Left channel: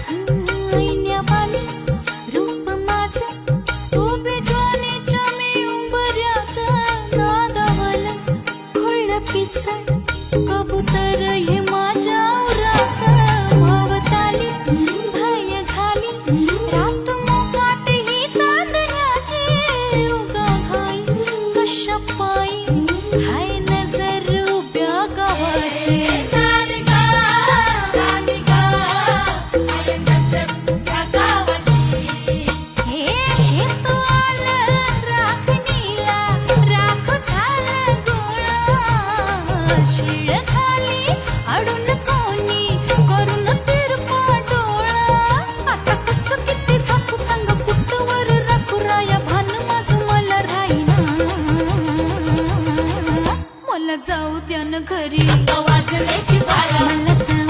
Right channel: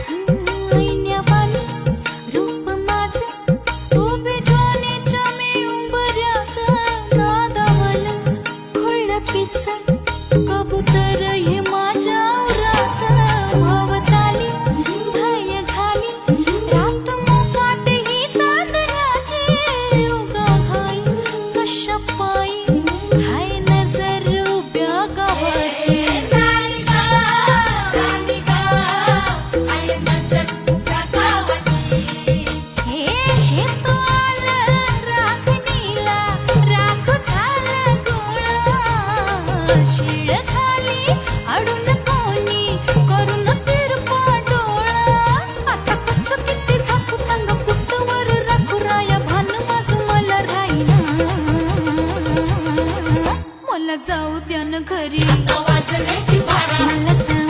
ऐन्यावानी रूप माझं उभे ज्वानीच्या मी उंबऱ्यात नादावलं खुळं पिसं कबूतर हे माझ्या उरात भवताली भय घाली रात मोकाट ही चांदण्याची उगा घाई कशा पायी हाय नजर उभ्या गावाची अडून कोणी करून तिरपा डोळा आता कसं किती झाकू सांग कुठवर राखू राया भान माझं मला राहीना मला जाऊ द्या न घरी मला जाऊ